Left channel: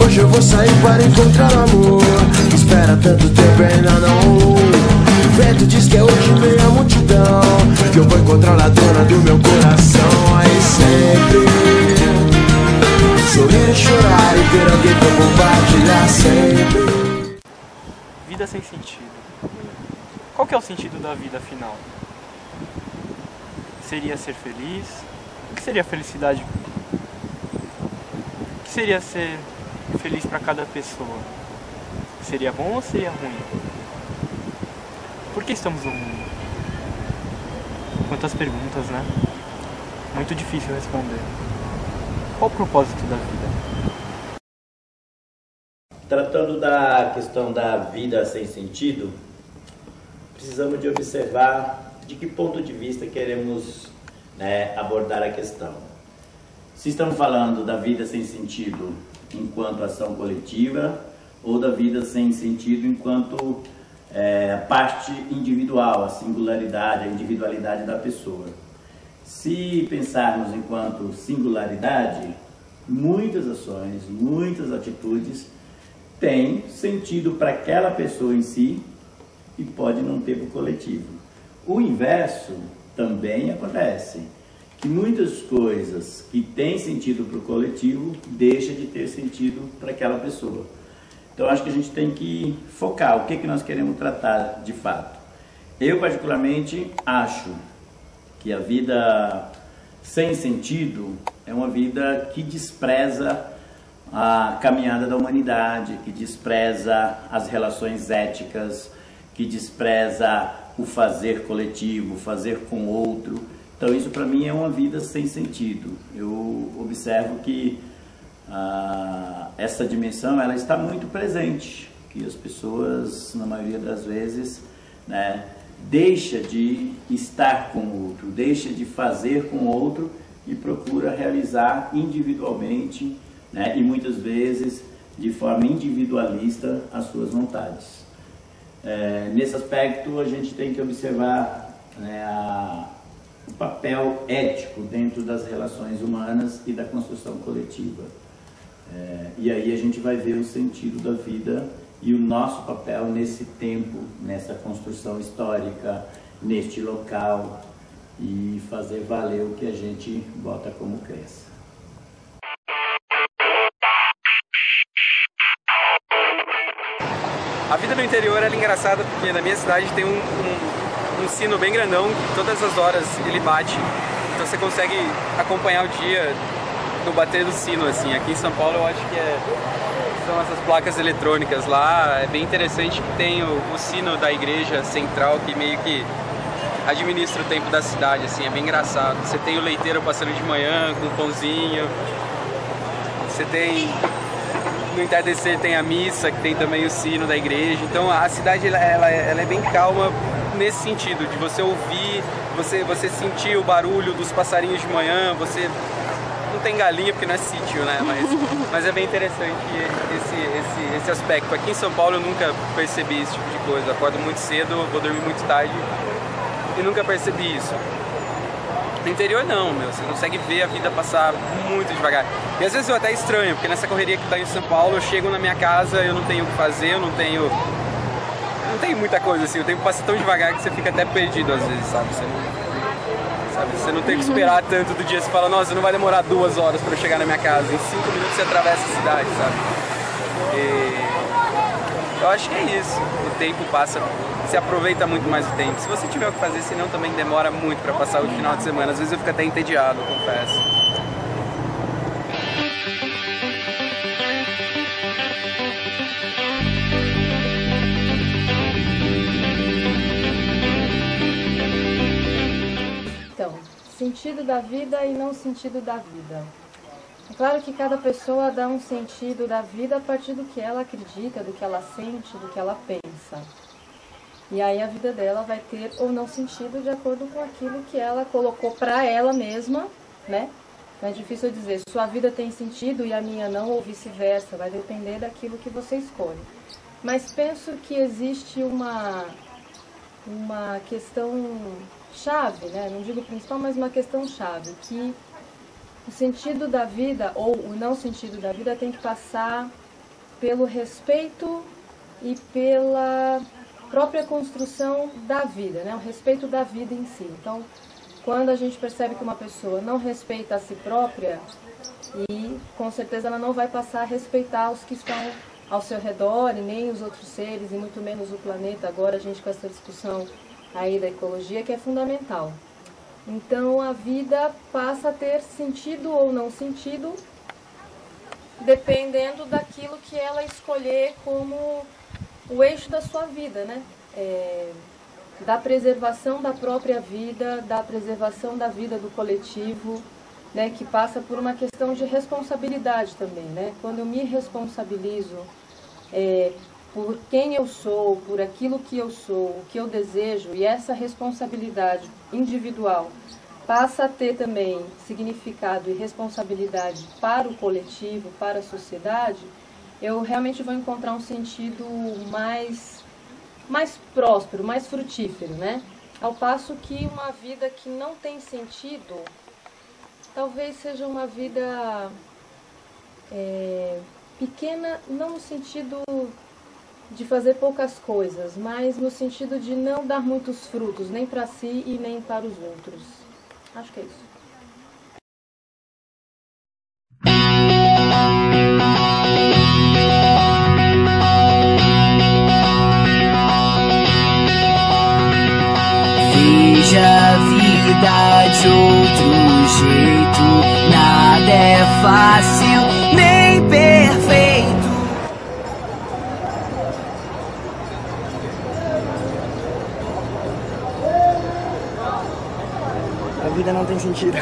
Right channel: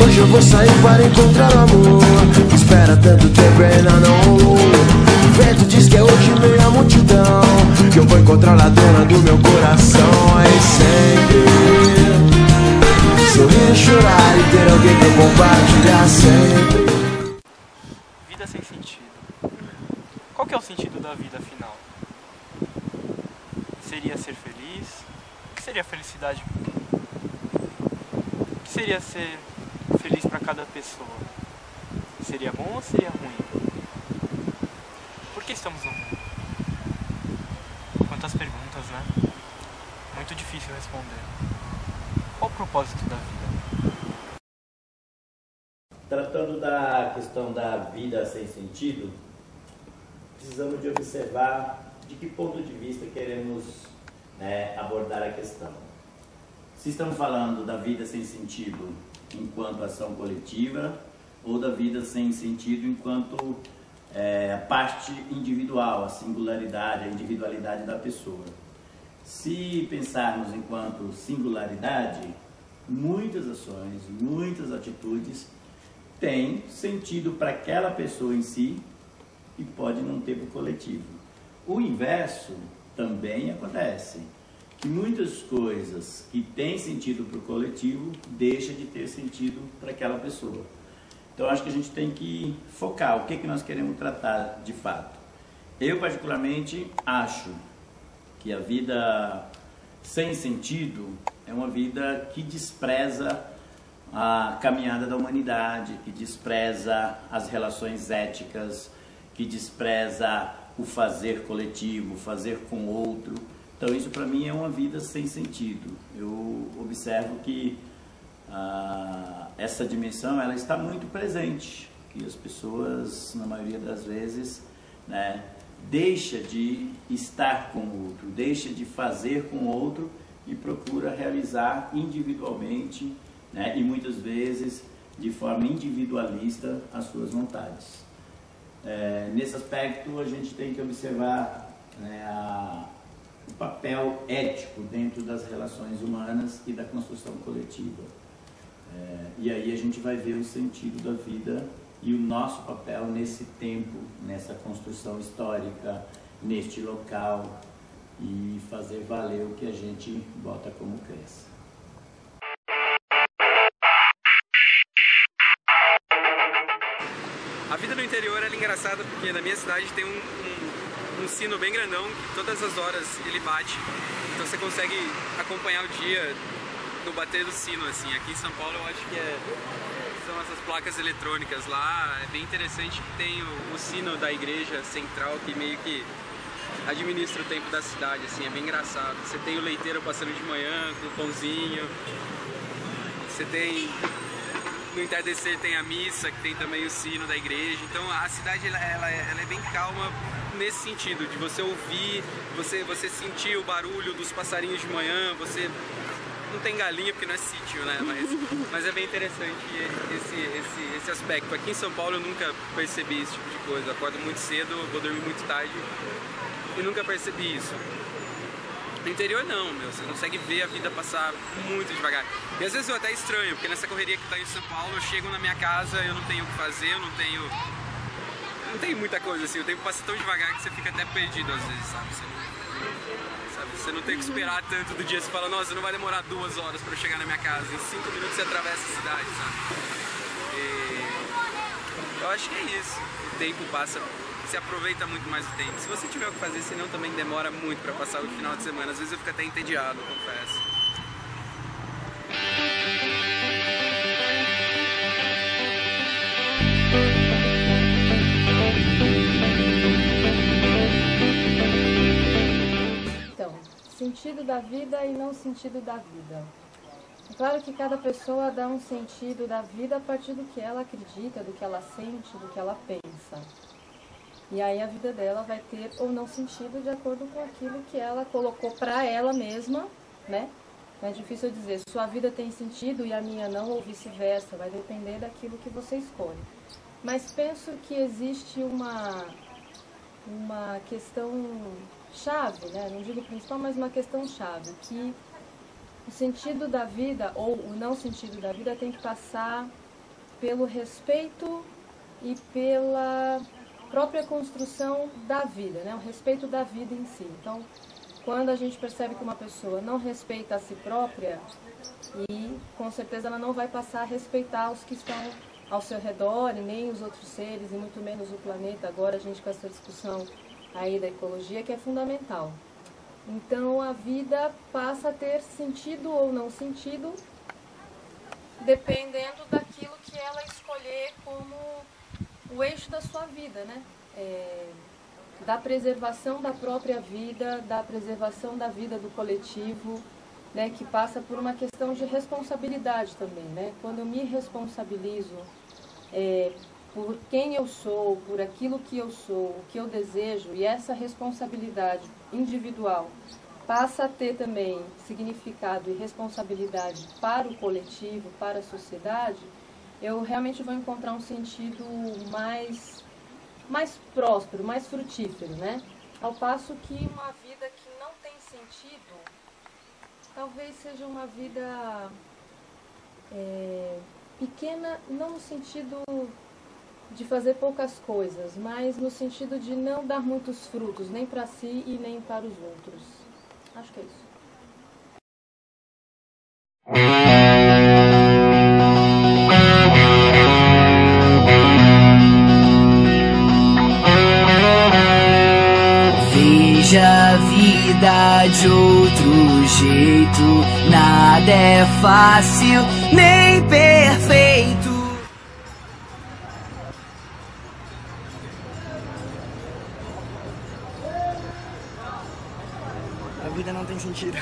Hoje eu vou sair para encontrar o amor. Espera tanto tempo e ainda não rolou. O vento diz que é hoje meia multidão, que eu vou encontrar a dona do meu coração. Aí sempre sorrir e chorar e ter alguém pra compartilhar sempre. Vida sem sentido. Qual que é o sentido da vida afinal? Seria ser feliz? O que seria felicidade? O que seria ser feliz para cada pessoa? Seria bom ou seria ruim? Por que estamos no mundo? Quantas perguntas, né? Muito difícil responder. Qual o propósito da vida? Tratando da questão da vida sem sentido, precisamos de observar de que ponto de vista queremos, abordar a questão. Se estamos falando da vida sem sentido enquanto ação coletiva ou da vida sem sentido enquanto a parte individual, a singularidade, a individualidade da pessoa. Se pensarmos enquanto singularidade, muitas ações, muitas atitudes têm sentido para aquela pessoa em si e pode não ter para o coletivo. O inverso também acontece, que muitas coisas que têm sentido para o coletivo deixam de ter sentido para aquela pessoa. Então acho que a gente tem que focar o que nós queremos tratar de fato. Eu particularmente acho que a vida sem sentido é uma vida que despreza a caminhada da humanidade, que despreza as relações éticas, que despreza o fazer coletivo, o fazer com o outro. Então isso para mim é uma vida sem sentido. Eu observo que essa dimensão ela está muito presente, que as pessoas na maioria das vezes deixa de estar com o outro, deixa de fazer com o outro e procura realizar individualmente, e muitas vezes de forma individualista as suas vontades. Nesse aspecto a gente tem que observar o papel ético dentro das relações humanas e da construção coletiva. E aí a gente vai ver o sentido da vida e o nosso papel nesse tempo, nessa construção histórica, neste local e fazer valer o que a gente bota como crença. A vida no interior é engraçada porque na minha cidade tem um sino bem grandão que todas as horas ele bate, então você consegue acompanhar o dia no bater do sino, assim. Aqui em São Paulo eu acho que são essas placas eletrônicas lá, é bem interessante que tem o sino da igreja central que meio que administra o tempo da cidade, assim, é bem engraçado. Você tem o leiteiro passando de manhã com um pãozinho, você tem... No entardecer tem a missa, que tem também o sino da igreja. Então a cidade ela é bem calma nesse sentido, de você ouvir, você sentir o barulho dos passarinhos de manhã, você não tem galinha porque não é sítio, né? Mas é bem interessante esse aspecto. Aqui em São Paulo eu nunca percebi esse tipo de coisa. Eu acordo muito cedo, vou dormir muito tarde e nunca percebi isso. No interior não, você consegue ver a vida passar muito devagar. E às vezes eu até estranho, porque nessa correria que tá em São Paulo, eu chego na minha casa, eu não tenho o que fazer, eu não tenho muita coisa assim, o tempo passa tão devagar que você fica até perdido às vezes, sabe? Você não tem que esperar tanto do dia, você fala, nossa, não vai demorar 2 horas para eu chegar na minha casa, em 5 minutos você atravessa a cidade, sabe? E eu acho que é isso, o tempo passa, se aproveita muito mais o tempo. Se você tiver o que fazer, senão também demora muito para passar o final de semana, às vezes eu fico até entediado, confesso. Sentido da vida e não sentido da vida. É claro que cada pessoa dá um sentido da vida a partir do que ela acredita, do que ela sente, do que ela pensa. E aí a vida dela vai ter ou não sentido de acordo com aquilo que ela colocou para ela mesma, né? É difícil dizer, sua vida tem sentido e a minha não, ou vice-versa, vai depender daquilo que você escolhe. Mas penso que existe uma questão chave, né? Não digo principal, mas uma questão chave, que o sentido da vida, ou o não sentido da vida, tem que passar pelo respeito e pela própria construção da vida, né? O respeito da vida em si. Então, quando a gente percebe que uma pessoa não respeita a si própria, e com certeza ela não vai passar a respeitar os que estão ao seu redor, e nem os outros seres, e muito menos o planeta, agora a gente com essa discussão aí da ecologia, que é fundamental. Então a vida passa a ter sentido ou não sentido, dependendo daquilo que ela escolher como o eixo da sua vida, né? Da preservação da própria vida, da preservação da vida do coletivo, né, que passa por uma questão de responsabilidade também, né? Quando eu me responsabilizo por quem eu sou, por aquilo que eu sou, o que eu desejo, e essa responsabilidade individual passa a ter também significado e responsabilidade para o coletivo, para a sociedade, eu realmente vou encontrar um sentido mais próspero, mais frutífero, né? Ao passo que uma vida que não tem sentido, talvez seja uma vida pequena, não no sentido de fazer poucas coisas, mas no sentido de não dar muitos frutos, nem para si e nem para os outros. Acho que é isso. Veja a vida de outro jeito, nada é fácil nem perfeito. A vida não tem sentido.